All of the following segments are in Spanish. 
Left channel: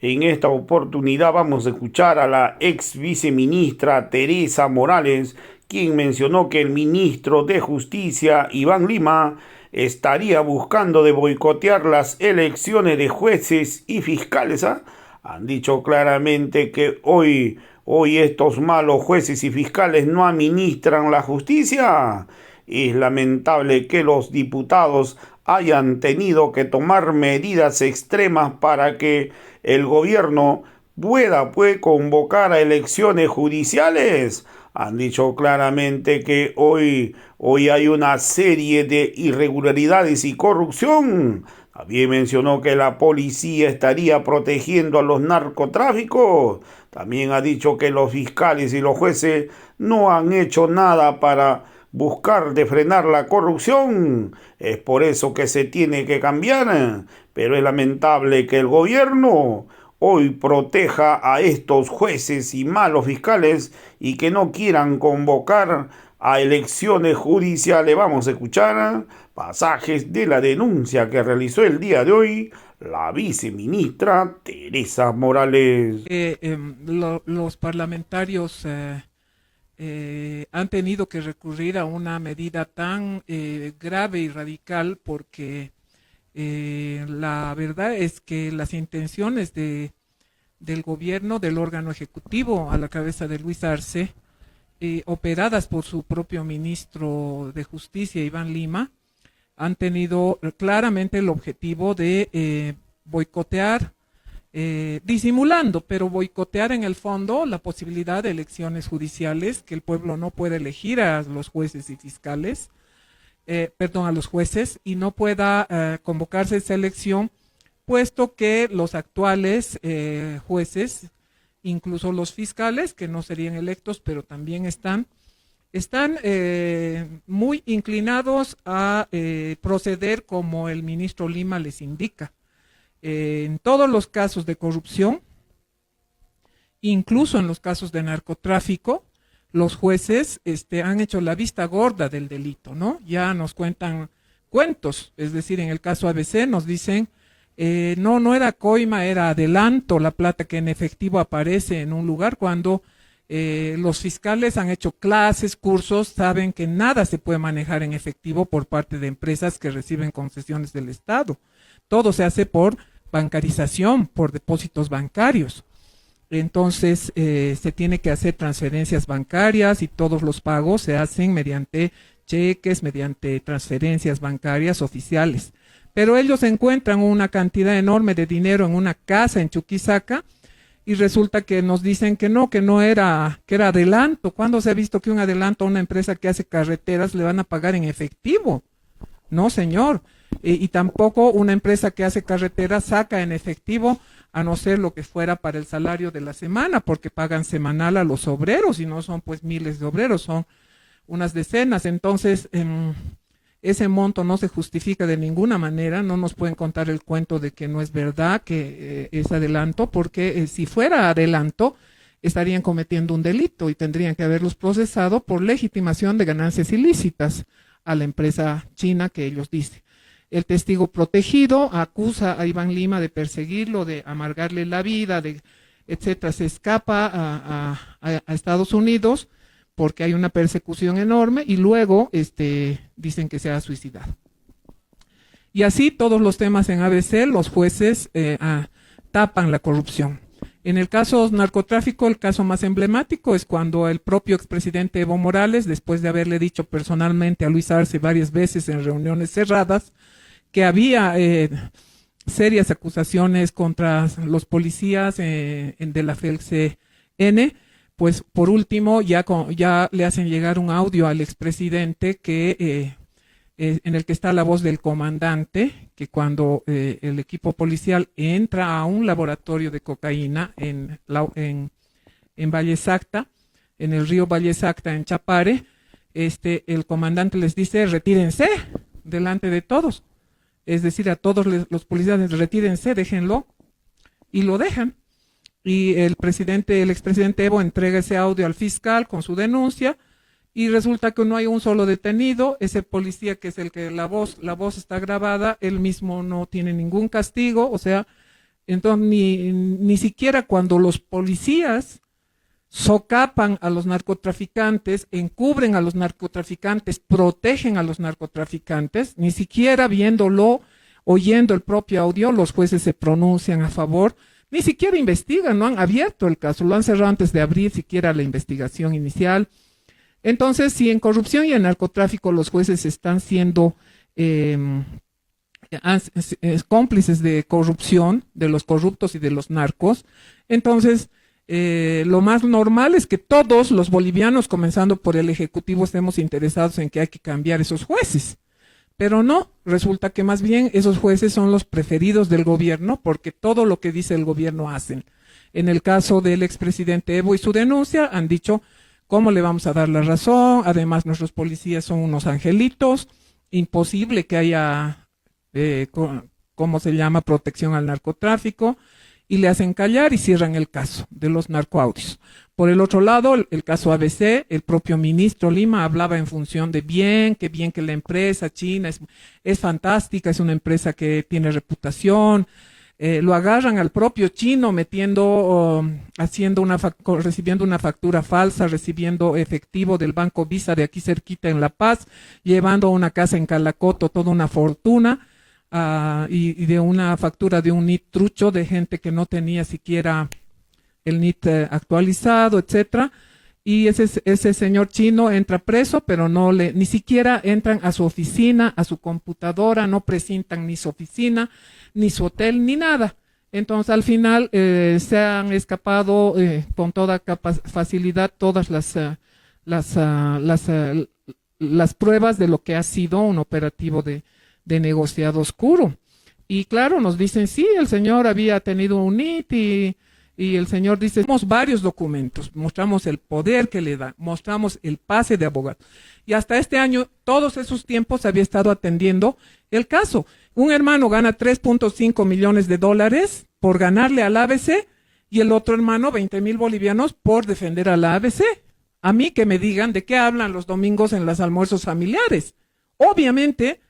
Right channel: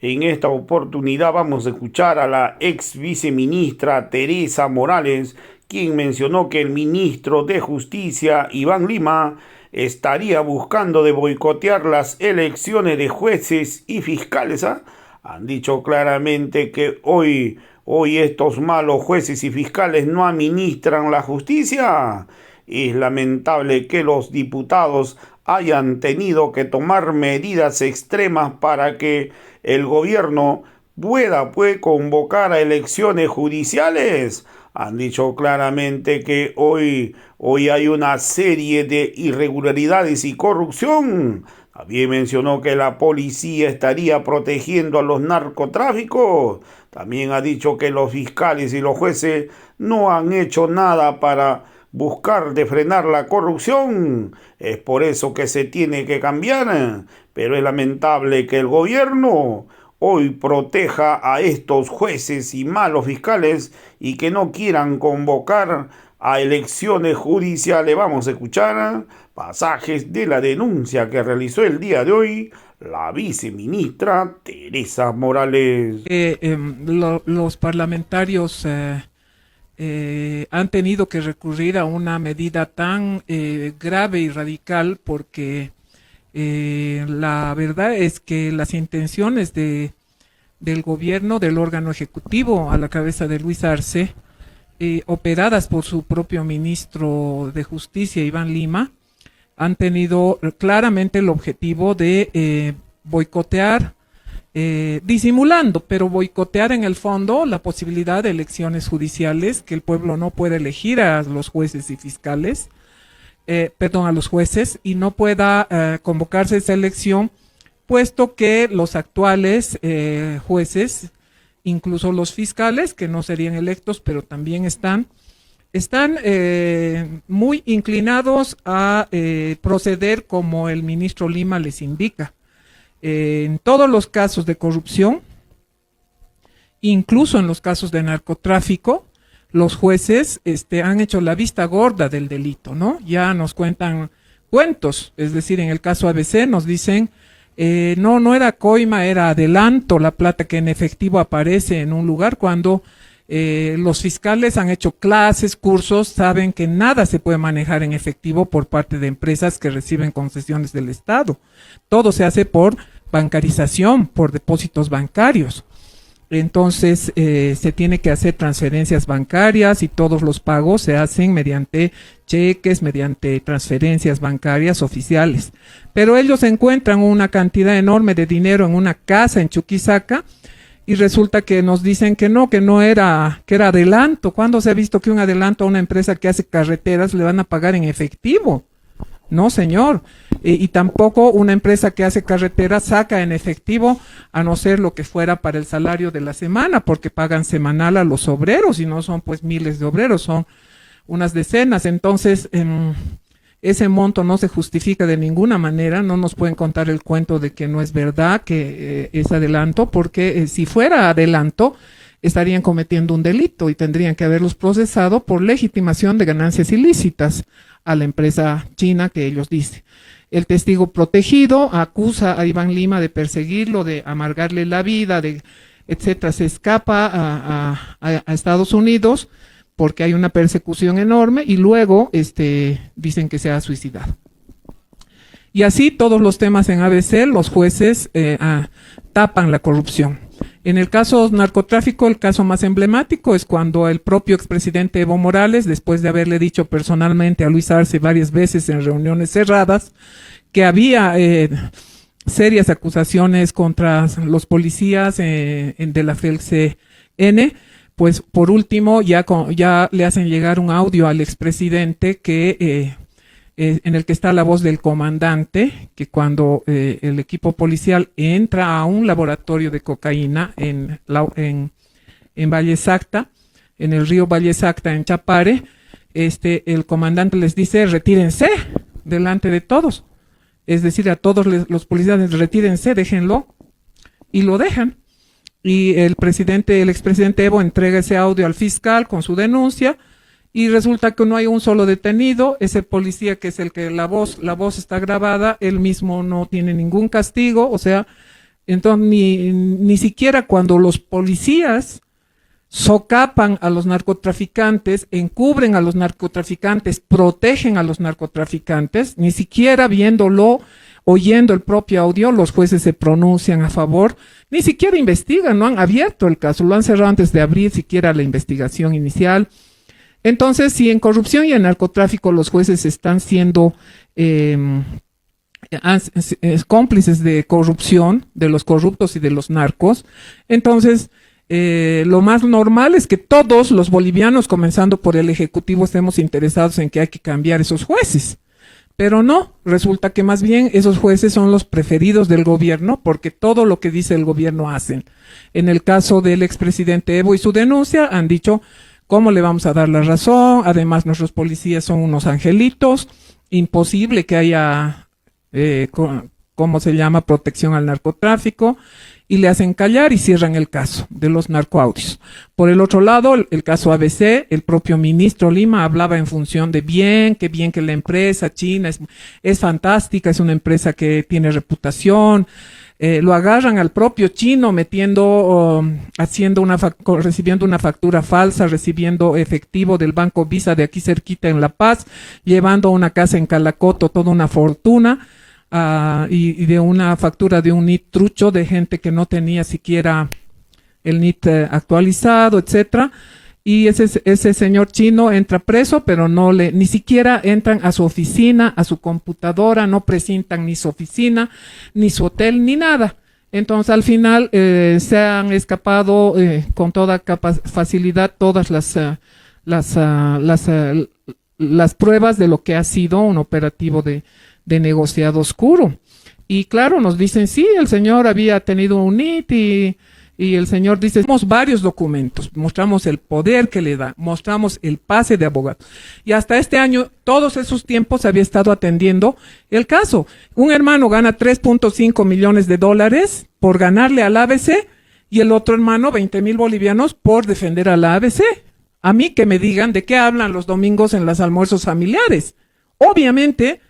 En esta oportunidad vamos a escuchar a la ex viceministra Teresa Morales, quien mencionó que el ministro de Justicia, Iván Lima, estaría buscando de boicotear las elecciones de jueces y fiscales. ¿Ah? Han dicho claramente que hoy estos malos jueces y fiscales no administran la justicia. Es lamentable que los diputados hayan tenido que tomar medidas extremas para que el gobierno puede convocar a elecciones judiciales. Han dicho claramente que hoy hay una serie de irregularidades y corrupción. También mencionó que la policía estaría protegiendo a los narcotráficos. También ha dicho que los fiscales y los jueces no han hecho nada para buscar de frenar la corrupción. Es por eso que se tiene que cambiar. Pero es lamentable que el gobierno hoy proteja a estos jueces y malos fiscales y que no quieran convocar a elecciones judiciales. Vamos a escuchar pasajes de la denuncia que realizó el día de hoy la viceministra Teresa Morales. Los parlamentarios han tenido que recurrir a una medida tan grave y radical porque la verdad es que las intenciones del gobierno, del órgano ejecutivo a la cabeza de Luis Arce, operadas por su propio ministro de Justicia, Iván Lima, han tenido claramente el objetivo de boicotear, disimulando, pero boicotear en el fondo la posibilidad de elecciones judiciales, que el pueblo no pueda elegir a los jueces y fiscales, a los jueces, y no pueda convocarse esa elección, puesto que los actuales jueces, incluso los fiscales, que no serían electos, pero también están muy inclinados a proceder como el ministro Lima les indica. En todos los casos de corrupción, incluso en los casos de narcotráfico, los jueces han hecho la vista gorda del delito, ¿no? Ya nos cuentan cuentos, es decir, en el caso ABC nos dicen, no era coima, era adelanto la plata que en efectivo aparece en un lugar cuando los fiscales han hecho clases, cursos, saben que nada se puede manejar en efectivo por parte de empresas que reciben concesiones del Estado. Todo se hace por bancarización, por depósitos bancarios. Entonces se tiene que hacer transferencias bancarias y todos los pagos se hacen mediante cheques, mediante transferencias bancarias oficiales. Pero ellos encuentran una cantidad enorme de dinero en una casa en Chuquisaca y resulta que nos dicen que no era, que era adelanto. ¿Cuándo se ha visto que un adelanto a una empresa que hace carreteras le van a pagar en efectivo? No, señor. Y tampoco una empresa que hace carreteras saca en efectivo, a no ser lo que fuera para el salario de la semana, porque pagan semanal a los obreros y no son pues miles de obreros, son unas decenas. Entonces, ese monto no se justifica de ninguna manera. No nos pueden contar el cuento de que no es verdad que es adelanto, porque si fuera adelanto, estarían cometiendo un delito y tendrían que haberlos procesado por legitimación de ganancias ilícitas a la empresa china que ellos dicen. El testigo protegido acusa a Iván Lima de perseguirlo, de amargarle la vida, de etcétera. Se escapa a Estados Unidos porque hay una persecución enorme y luego dicen que se ha suicidado. Y así todos los temas en ABC, los jueces tapan la corrupción. En el caso narcotráfico, el caso más emblemático es cuando el propio expresidente Evo Morales, después de haberle dicho personalmente a Luis Arce varias veces en reuniones cerradas que había serias acusaciones contra los policías de la FELCN, pues por último ya le hacen llegar un audio al expresidente en el que está la voz del comandante, que cuando el equipo policial entra a un laboratorio de cocaína en Valle Sacta, en el río Valle Sacta, en Chapare, el comandante les dice, retírense delante de todos. Es decir, a todos los policías, retírense, déjenlo, y lo dejan. Y el expresidente Evo entrega ese audio al fiscal con su denuncia, y resulta que no hay un solo detenido. Ese policía que es el que la voz está grabada, él mismo no tiene ningún castigo, o sea, Entonces, ni siquiera cuando los policías socapan a los narcotraficantes, encubren a los narcotraficantes, protegen a los narcotraficantes, ni siquiera viéndolo, oyendo el propio audio, los jueces se pronuncian a favor, ni siquiera investigan, no han abierto el caso, lo han cerrado antes de abrir siquiera la investigación inicial. Entonces, si en corrupción y en narcotráfico los jueces están siendo cómplices de corrupción, de los corruptos y de los narcos, entonces lo más normal es que todos los bolivianos, comenzando por el Ejecutivo, estemos interesados en que hay que cambiar esos jueces. Pero no, resulta que más bien esos jueces son los preferidos del gobierno porque todo lo que dice el gobierno hacen. En el caso del expresidente Evo y su denuncia han dicho, ¿cómo le vamos a dar la razón? Además, nuestros policías son unos angelitos, imposible que haya, ¿cómo se llama?, protección al narcotráfico, y le hacen callar y cierran el caso de los narcoaudios. Por el otro lado, el caso ABC, el propio ministro Lima hablaba en función de bien que la empresa china es fantástica, es una empresa que tiene reputación. Lo agarran al propio chino metiendo, recibiendo una factura falsa, recibiendo efectivo del Banco Visa de aquí cerquita en La Paz, llevando a una casa en Calacoto toda una fortuna. Y de una factura de un NIT trucho de gente que no tenía siquiera el NIT actualizado, etcétera. Y ese señor chino entra preso, pero ni siquiera entran a su oficina, a su computadora, no presentan ni su oficina, ni su hotel, ni nada. Entonces, al final, se han escapado con toda facilidad todas las pruebas de lo que ha sido un operativo de negociado oscuro. Y claro, nos dicen, sí, el señor había tenido un NIT y el señor dice, tenemos varios documentos, mostramos el poder que le da, mostramos el pase de abogado. Y hasta este año, todos esos tiempos había estado atendiendo el caso. Un hermano gana 3.5 millones de dólares por ganarle al ABC y el otro hermano 20,000 bolivianos por defender a la ABC. A mí que me digan de qué hablan los domingos en los almuerzos familiares. Obviamente,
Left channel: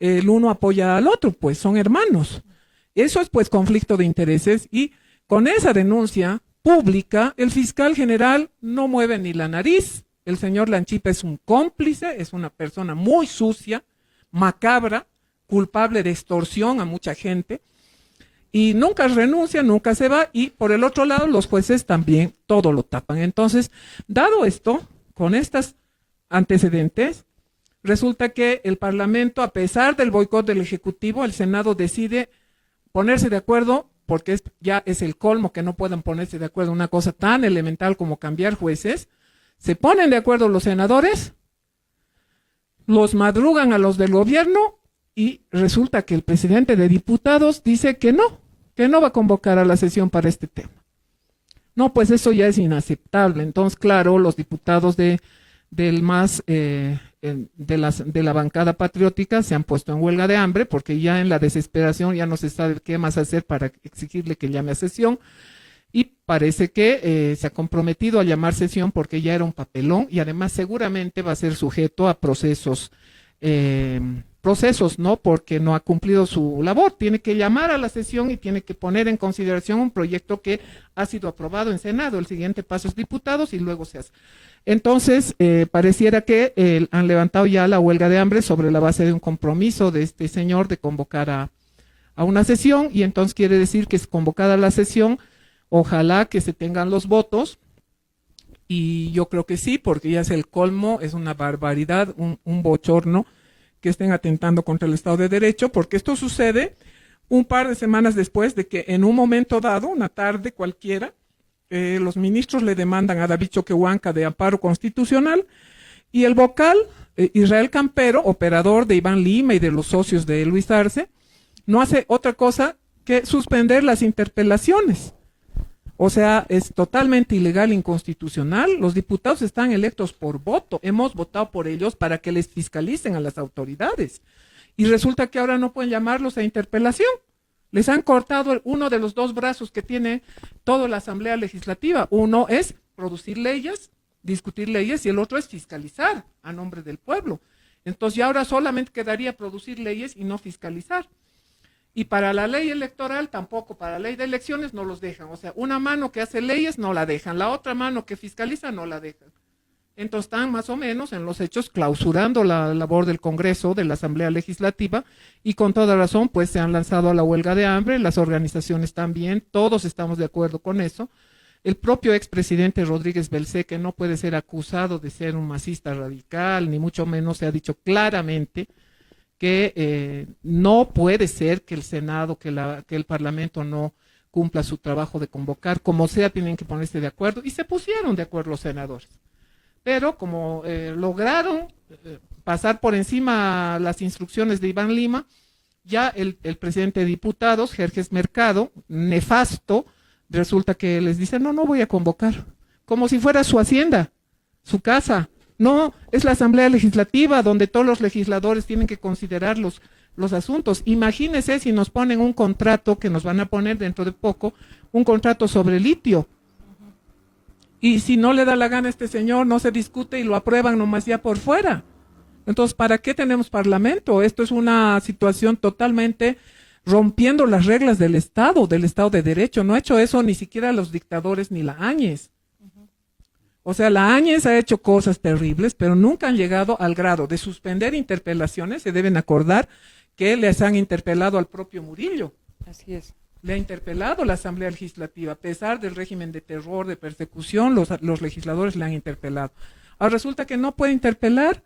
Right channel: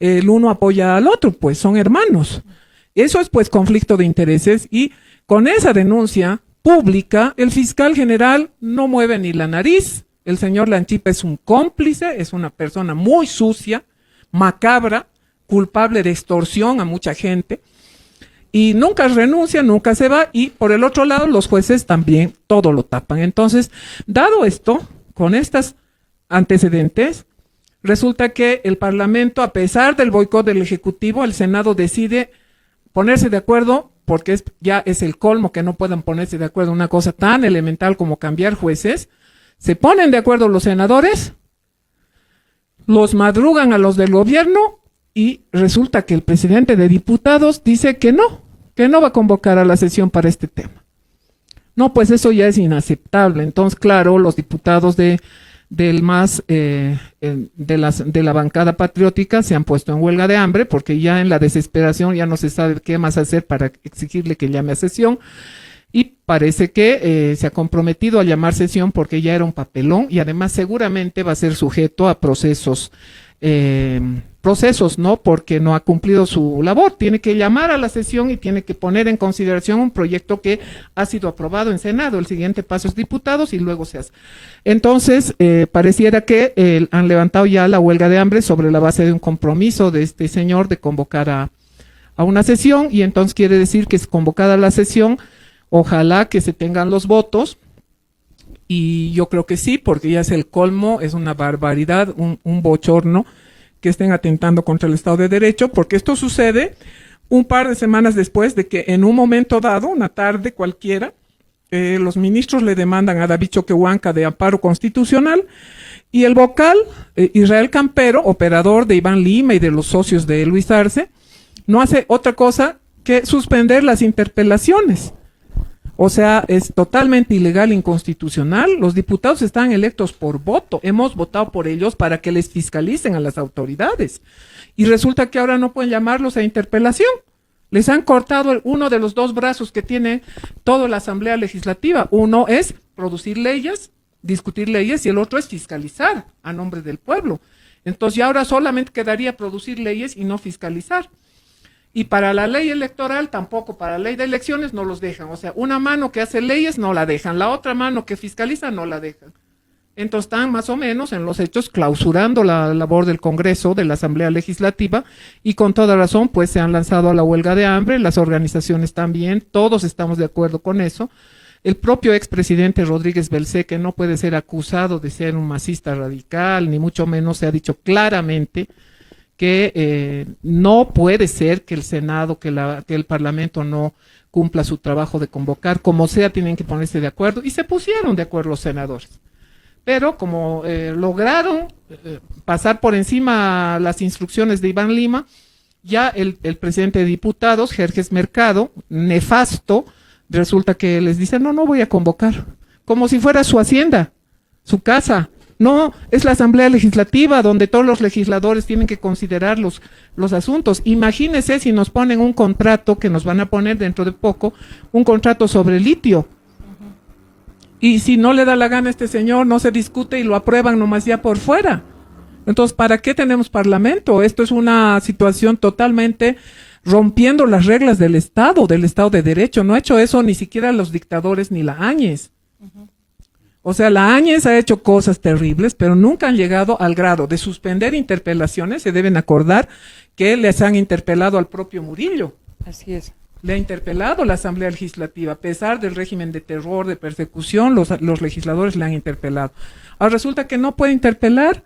el uno apoya al otro, pues son hermanos. Eso es pues conflicto de intereses y con esa denuncia pública, el fiscal general no mueve ni la nariz. El señor Lanchipe es un cómplice, es una persona muy sucia, macabra, culpable de extorsión a mucha gente y nunca renuncia, nunca se va y por el otro lado los jueces también todo lo tapan. Entonces, dado esto, con estos antecedentes, resulta que el Parlamento, a pesar del boicot del Ejecutivo, el Senado decide ponerse de acuerdo, porque ya es el colmo que no puedan ponerse de acuerdo en una cosa tan elemental como cambiar jueces. Se ponen de acuerdo los senadores, los madrugan a los del gobierno y resulta que el presidente de diputados dice que no va a convocar a la sesión para este tema. No, pues eso ya es inaceptable. Entonces, claro, los diputados de la bancada patriótica se han puesto en huelga de hambre porque ya en la desesperación ya no se sabe qué más hacer para exigirle que llame a sesión y parece que se ha comprometido a llamar sesión porque ya era un papelón y además seguramente va a ser sujeto a procesos, ¿no? Porque no ha cumplido su labor. Tiene que llamar a la sesión y tiene que poner en consideración un proyecto que ha sido aprobado en Senado. El siguiente paso es diputados y luego se hace. Entonces, pareciera que han levantado ya la huelga de hambre sobre la base de un compromiso de este señor de convocar a una sesión y entonces quiere decir que es convocada la sesión, ojalá que se tengan los votos y yo creo que sí, porque ya es el colmo, es una barbaridad, un bochorno que estén atentando contra el Estado de Derecho, porque esto sucede un par de semanas después de que en un momento dado, una tarde cualquiera, los ministros le demandan a David Choquehuanca de amparo constitucional y el vocal, Israel Campero, operador de Iván Lima y de los socios de Luis Arce, no hace otra cosa que suspender las interpelaciones. O sea, es totalmente ilegal e inconstitucional. Los diputados están electos por voto. Hemos votado por ellos para que les fiscalicen a las autoridades. Y resulta que ahora no pueden llamarlos a interpelación. Les han cortado uno de los dos brazos que tiene toda la Asamblea Legislativa. Uno es producir leyes, discutir leyes, y el otro es fiscalizar a nombre del pueblo. Entonces ya ahora solamente quedaría producir leyes y no fiscalizar. Y para la ley electoral tampoco, para la ley de elecciones no los dejan. O sea, una mano que hace leyes no la dejan, la otra mano que fiscaliza no la dejan. Entonces están más o menos en los hechos clausurando la labor del Congreso, de la Asamblea Legislativa, y con toda razón pues se han lanzado a la huelga de hambre, las organizaciones también, todos estamos de acuerdo con eso. El propio expresidente Rodríguez Belcé, que no puede ser acusado de ser un masista radical, ni mucho menos, se ha dicho claramente que no puede ser que el Senado, que el Parlamento no cumpla su trabajo de convocar, como sea, tienen que ponerse de acuerdo, y se pusieron de acuerdo los senadores. Pero como lograron pasar por encima las instrucciones de Iván Lima, ya el presidente de diputados, Jerjes Mercado, nefasto, resulta que les dice, no voy a convocar, como si fuera su hacienda, su casa. No, es la Asamblea Legislativa donde todos los legisladores tienen que considerar los asuntos. Imagínense si nos ponen un contrato, que nos van a poner dentro de poco, un contrato sobre litio. Y si no le da la gana a este señor, no se discute y lo aprueban nomás ya por fuera. Entonces, ¿para qué tenemos parlamento? Esto es una situación totalmente rompiendo las reglas del Estado de Derecho. No ha hecho eso ni siquiera los dictadores ni la Áñez. O sea, la Áñez ha hecho cosas terribles, pero nunca han llegado al grado de suspender interpelaciones. Se deben acordar que les han interpelado al propio Murillo. Así es. Le ha interpelado la Asamblea Legislativa, a pesar del régimen de terror, de persecución, los legisladores le han interpelado. Ahora resulta que no puede interpelar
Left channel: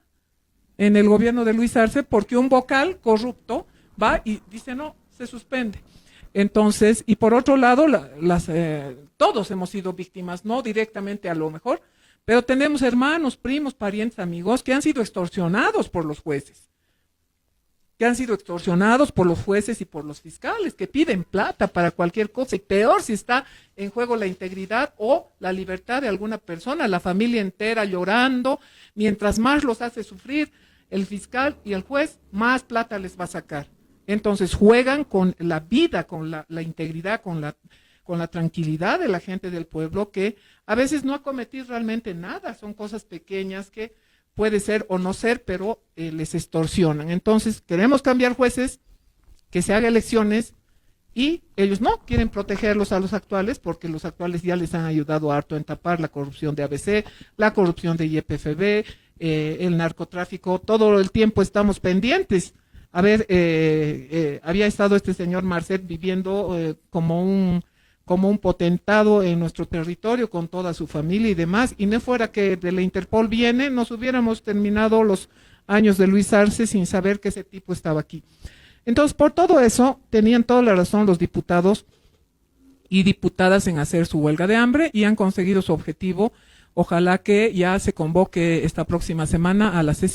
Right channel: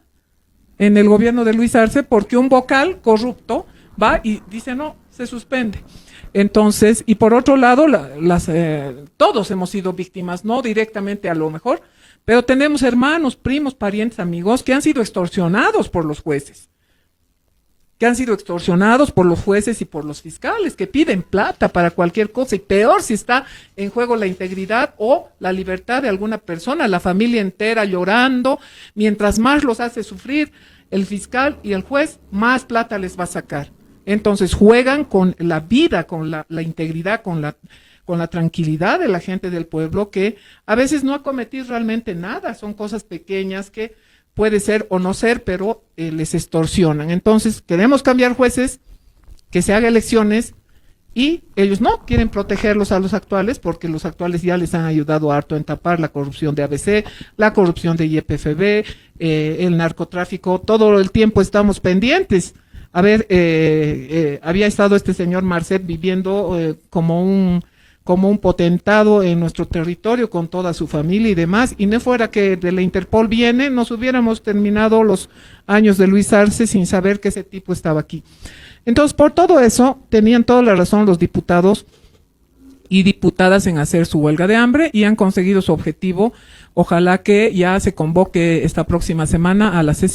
en el gobierno de Luis Arce porque un vocal corrupto va y dice no, se suspende. Entonces, y por otro lado, todos hemos sido víctimas, no directamente a lo mejor, pero tenemos hermanos, primos, parientes, amigos que han sido extorsionados por los jueces. Que han sido extorsionados por los jueces y por los fiscales, que piden plata para cualquier cosa, y peor si está en juego la integridad o la libertad de alguna persona, la familia entera llorando, mientras más los hace sufrir el fiscal y el juez, más plata les va a sacar. Entonces juegan con la vida, con la integridad, con la tranquilidad de la gente del pueblo, que a veces no ha cometido realmente nada, son cosas pequeñas que puede ser o no ser, pero les extorsionan. Entonces, queremos cambiar jueces, que se hagan elecciones, y ellos no quieren protegerlos a los actuales, porque los actuales ya les han ayudado harto en tapar la corrupción de ABC, la corrupción de YPFB, el narcotráfico, todo el tiempo estamos pendientes. A ver, había estado este señor Marcet viviendo como un potentado en nuestro territorio con toda su familia y demás, y no fuera que de la Interpol viene, nos hubiéramos terminado los años de Luis Arce sin saber que ese tipo estaba aquí. Entonces, por todo eso, tenían toda la razón los diputados y diputadas en hacer su huelga de hambre y han conseguido su objetivo. Ojalá que ya se convoque esta próxima semana a la sesión